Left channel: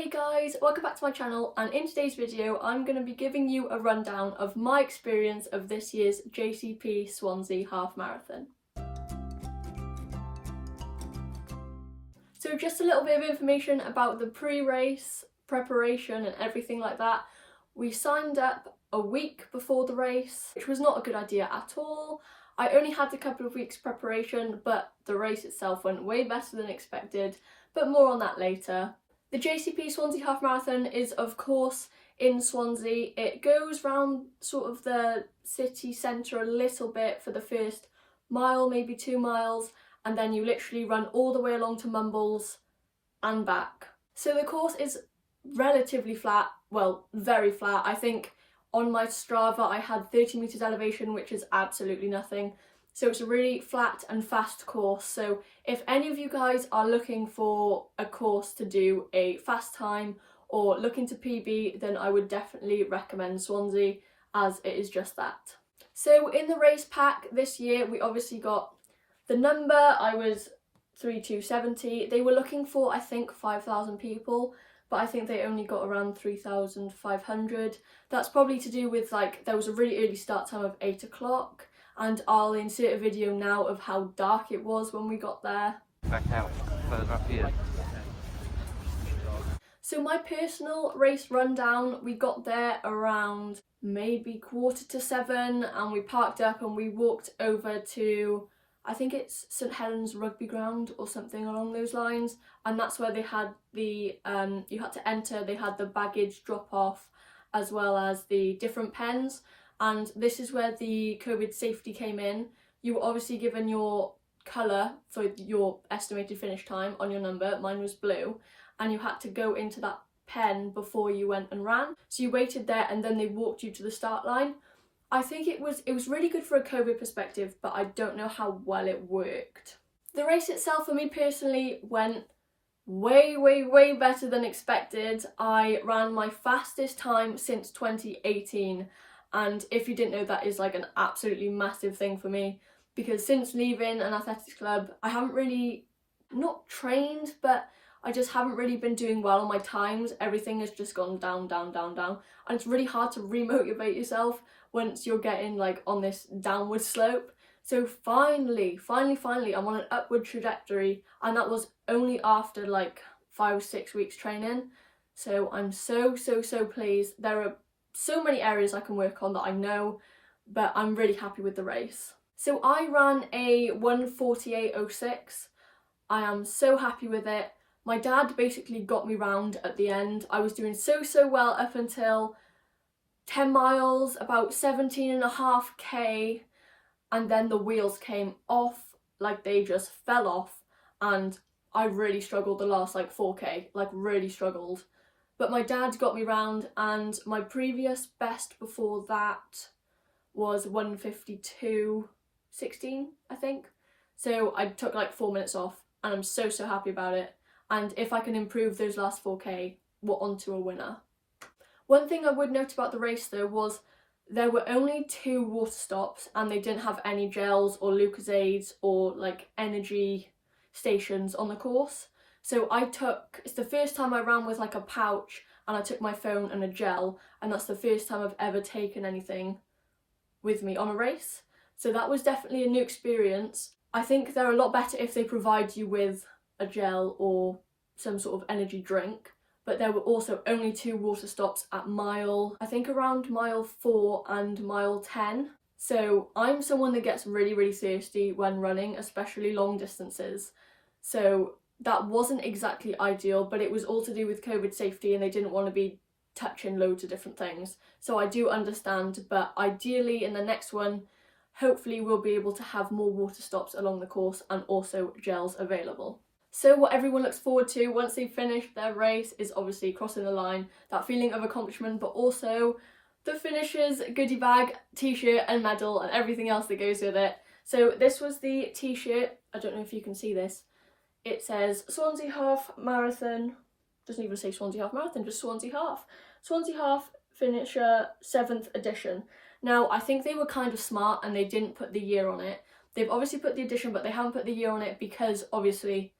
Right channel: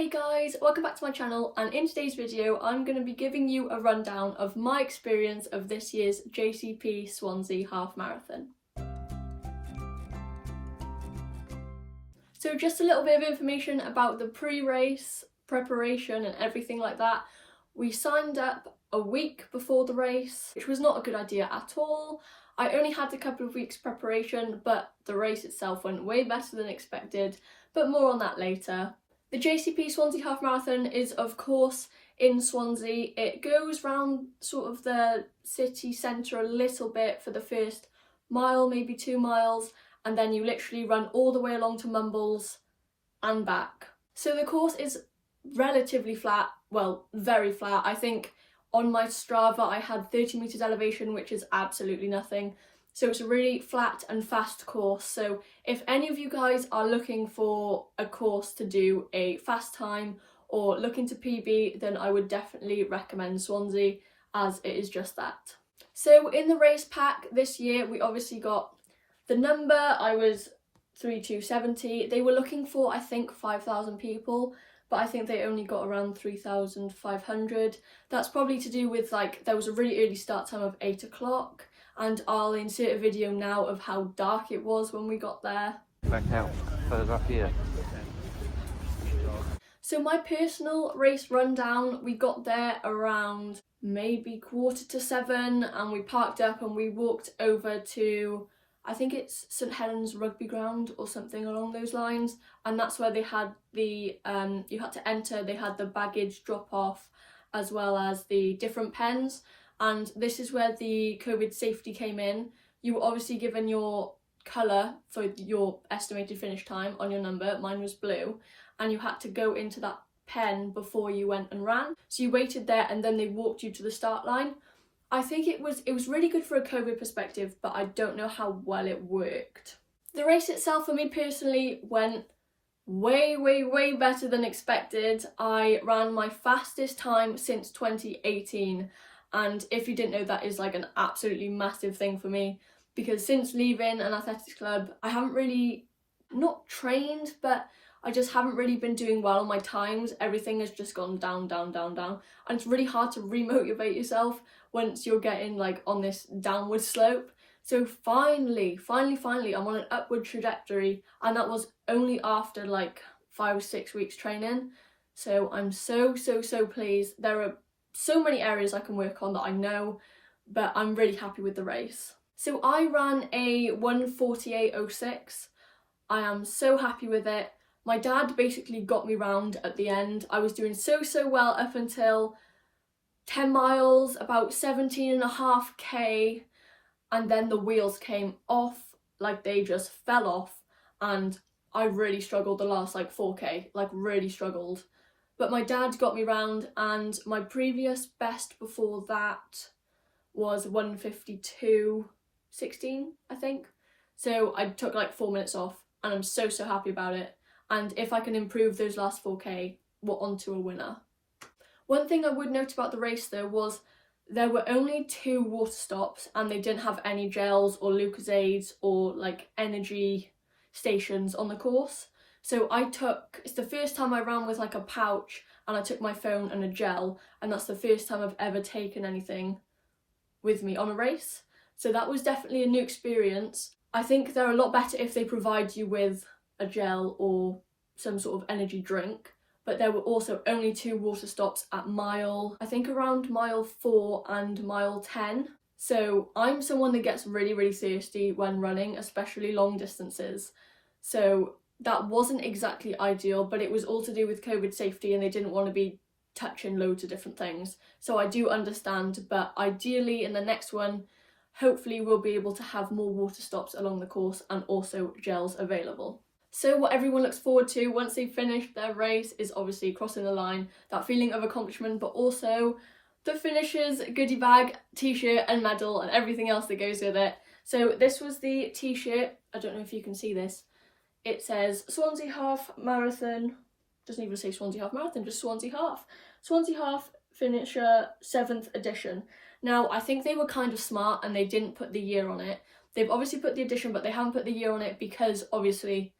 Hey guys, welcome back to my channel, and in today's video I'm going to be giving you a rundown of my experience of this year's JCP Swansea half marathon. So just a little bit of information about the pre-race preparation and everything like that. We signed up a week before the race, which was not a good idea at all. I only had a couple of weeks preparation, but the race itself went way better than expected, but more on that later. The JCP Swansea Half Marathon is of course in Swansea. It goes round sort of the city centre a little bit for the first mile, maybe 2 miles, and then you literally run all the way along to Mumbles and back. So the course is relatively flat, well, very flat. I think on my Strava I had 30 metres elevation, which is absolutely nothing. So it's a really flat and fast course. So if any of you guys are looking for a course to do a fast time or looking to PB, then I would definitely recommend Swansea, as it is just that. So in the race pack this year, we obviously got the number. I was 3270. They were looking for, I think, 5,000 people, but I think they only got around 3,500. That's probably to do with, like, there was a really early start time of 8 o'clock. And I'll insert a video now of how dark it was when we got there. Back out, further up here. So my personal race rundown, we got there around maybe 6:45, and we parked up and we walked over to, I think it's St Helens Rugby Ground or something along those lines, and that's where they had the, you had to enter, they had the baggage drop off as well as the different pens. And this is where the COVID safety came in. You were obviously given your colour for your estimated finish time on your number. Mine was blue, and you had to go into that pen before you went and ran. So you waited there and then they walked you to the start line. I think it was really good for a COVID perspective, but I don't know how well it worked. The race itself for me personally went way better than expected. I ran my fastest time since 2018. And if you didn't know, that is like an absolutely massive thing for me, because since leaving an athletics club, I haven't really, not trained, but I just haven't really been doing well on my times. Everything has just gone down. And it's really hard to remotivate yourself once you're getting like on this downward slope. So finally, I'm on an upward trajectory, and that was only after like 5 or 6 weeks training. So I'm so pleased. There are so many areas I can work on that I know, but I'm really happy with the race. So I ran a 1:48.06. I am so happy with it. My dad basically got me round at the end. I was doing so well up until 10 miles, about 17.5k, and then the wheels came off, like they just fell off, and I really struggled the last like 4k, like really struggled. But my dad got me round, and my previous best before that was 1:52.16, I think. So I took like 4 minutes off, and I'm so happy about it. And if I can improve those last 4k, we're on to a winner. One thing I would note about the race though was there were only 2 water stops, and they didn't have any gels or Lucozades or like energy stations on the course. So it's the first time I ran with like a pouch, and I took my phone and a gel, and that's the first time I've ever taken anything with me on a race. So that was definitely a new experience. I think they're a lot better if they provide you with a gel or some sort of energy drink, but there were also only 2 water stops at I think around mile 4 and mile 10. So I'm someone that gets really thirsty when running, especially long distances. So that wasn't exactly ideal, but it was all to do with COVID safety, and they didn't want to be touching loads of different things. So I do understand, but ideally in the next one, hopefully we'll be able to have more water stops along the course and also gels available. So what everyone looks forward to once they've finished their race is obviously crossing the line, that feeling of accomplishment, but also the finishers goodie bag, t-shirt and medal and everything else that goes with it. So this was the t-shirt. I don't know if you can see this. It says Swansea Half Marathon, doesn't even say Swansea Half Marathon, just Swansea Half. Swansea Half Finisher 7th edition. Now, I think they were kind of smart and they didn't put the year on it. They've obviously put the edition, but they haven't put the year on it because obviously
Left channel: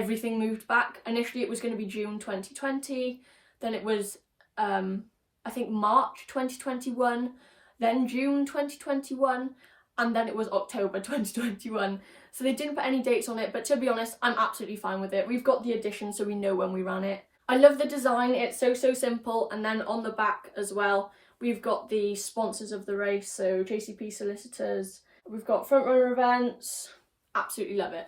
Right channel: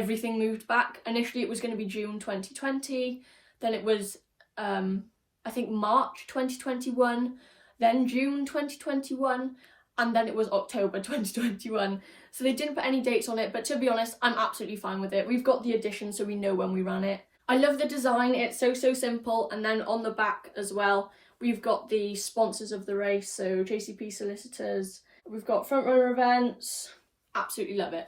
everything moved back. Initially it was going to be June 2020, then it was I think March 2021, then June 2021, and then it was October 2021. So they didn't put any dates on it, but to be honest, I'm absolutely fine with it. We've got the edition, so we know when we ran it. I love the design, it's so simple. And then on the back as well, we've got the sponsors of the race, so JCP solicitors, we've got front runner events, absolutely love it.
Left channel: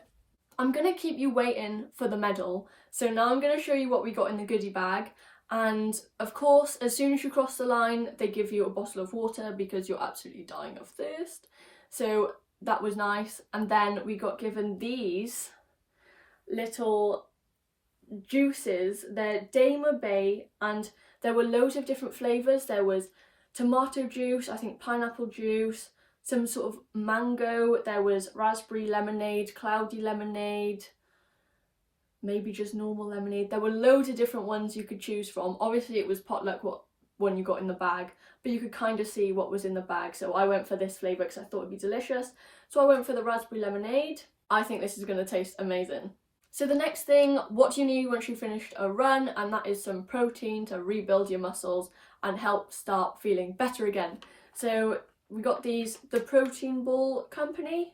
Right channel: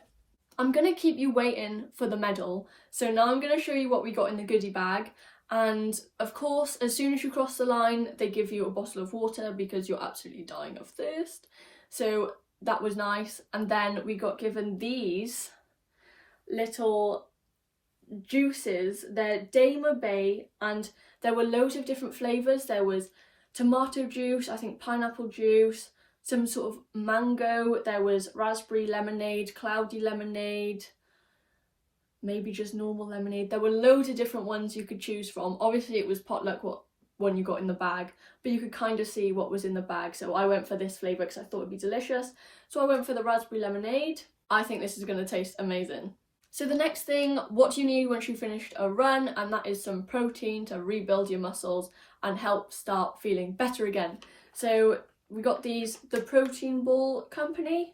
I'm gonna keep you waiting for the medal, so now I'm gonna show you what we got in the goodie bag. And of course, as soon as you cross the line, they give you a bottle of water because you're absolutely dying of thirst. So that was nice. And then we got given these little juices. They're Damer Bay, and there were loads of different flavours. There was tomato juice, I think pineapple juice, some sort of mango, there was raspberry lemonade, cloudy lemonade, maybe just normal lemonade. There were loads of different ones you could choose from. Obviously it was potluck what one you got in the bag, but you could kind of see what was in the bag. So I went for this flavour because I thought it'd be delicious. So I went for the raspberry lemonade. I think this is going to taste amazing. So the next thing, what do you need once you've finished a run? And that is some protein to rebuild your muscles and help start feeling better again. So we got these, the Protein Ball Company,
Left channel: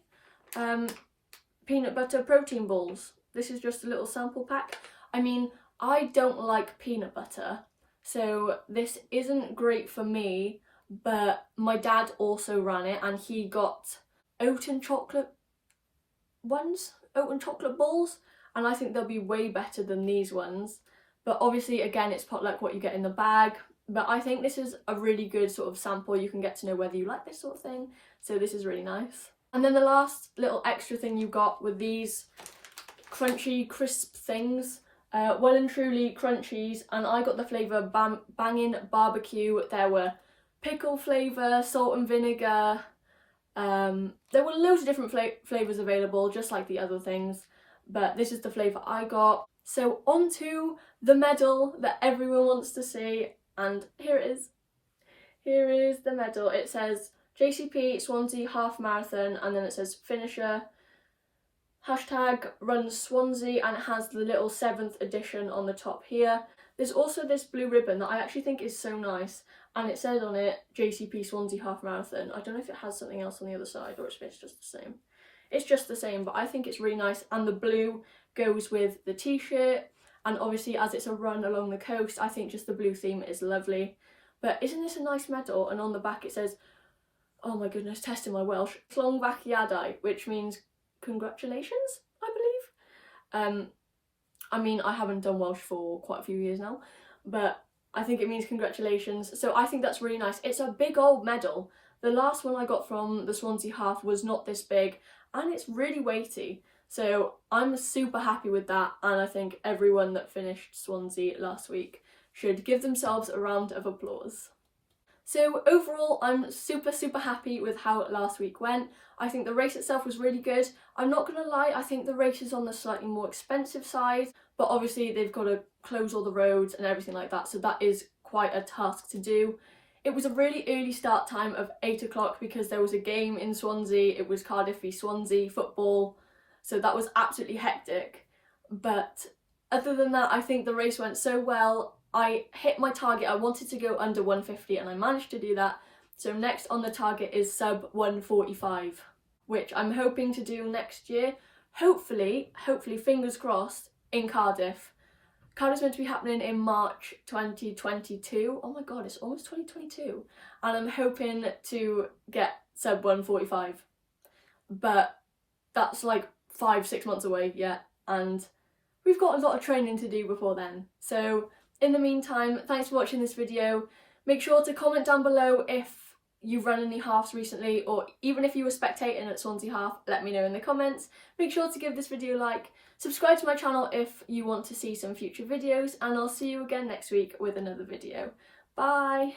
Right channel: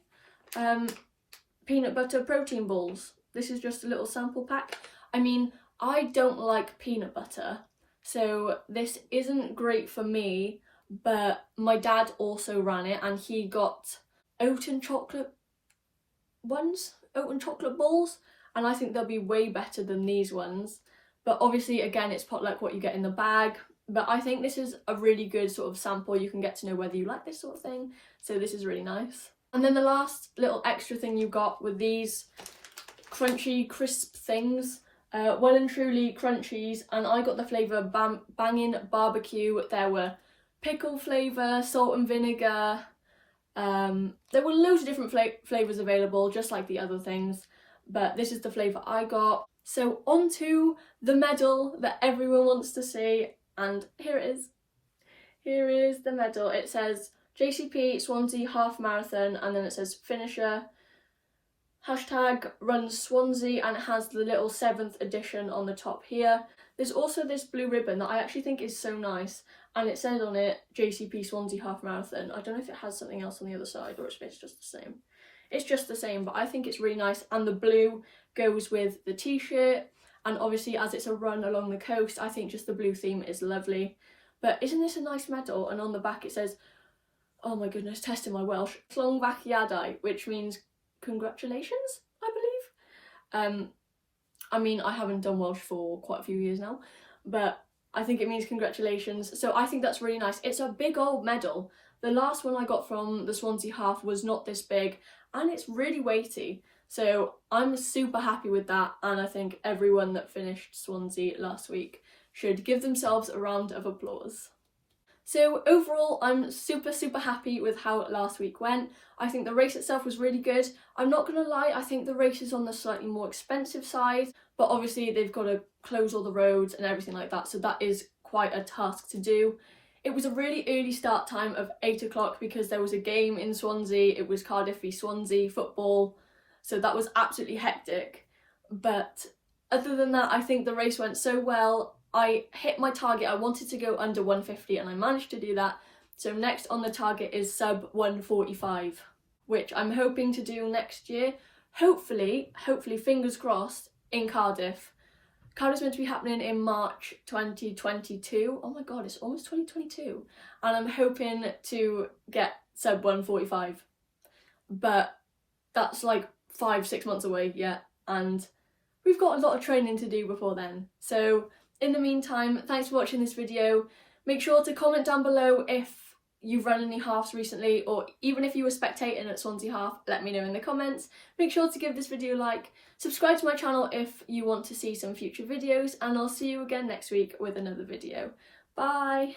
peanut butter protein balls. This is just a little sample pack. I mean, I don't like peanut butter, so this isn't great for me, but my dad also ran it and he got oat and chocolate balls, and I think they'll be way better than these ones. But obviously, again, it's potluck what you get in the bag. But I think this is a really good sort of sample. You can get to know whether you like this sort of thing. So this is really nice. And then the last little extra thing you got were these crunchy, crisp things. Well and truly crunchies. And I got the flavour banging barbecue. There were pickle flavour, salt and vinegar. There were loads of different flavours available, just like the other things. But this is the flavour I got. So on to the medal that everyone wants to see. And here it is. Here is the medal. It says JCP Swansea half marathon, and then it says finisher, hashtag runs Swansea, and it has the little 7th edition on the top here. There's also this blue ribbon that I actually think is so nice, and it says on it JCP Swansea half marathon. I don't know if it has something else on the other side or it's just the same. It's just the same, but I think it's really nice, and the blue goes with the t-shirt. And obviously, as it's a run along the coast, I think just the blue theme is lovely. But isn't this a nice medal? And on the back it says, oh my goodness, testing my Welsh, Llongfachiadau, which means congratulations, I believe. I mean, I haven't done Welsh for quite a few years now, but I think it means congratulations. So I think that's really nice. It's a big old medal. The last one I got from the Swansea half was not this big, and it's really weighty. So I'm super happy with that, and I think everyone that finished Swansea last week should give themselves a round of applause. So overall, I'm super happy with how last week went. I think the race itself was really good. I'm not gonna lie, I think the race is on the slightly more expensive side, but obviously they've got to close all the roads and everything like that, so that is quite a task to do. It was a really early start time of 8 o'clock because there was a game in Swansea. It was Cardiff v Swansea football. So that was absolutely hectic. But other than that, I think the race went so well. I hit my target. I wanted to go under 150 and I managed to do that. So next on the target is sub 145, which I'm hoping to do next year. Hopefully, fingers crossed, in Cardiff. Cardiff's meant to be happening in March 2022. Oh my god, it's almost 2022. And I'm hoping to get sub 145. But that's like 5-6 months away yet, and we've got a lot of training to do before then. So in the meantime, thanks for watching this video. Make sure to comment down below if you've run any halves recently, or even if you were spectating at Swansea half, let me know in the comments. Make sure to give this video a like, subscribe to my channel if you want to see some future videos, and I'll see you again next week with another video. Bye!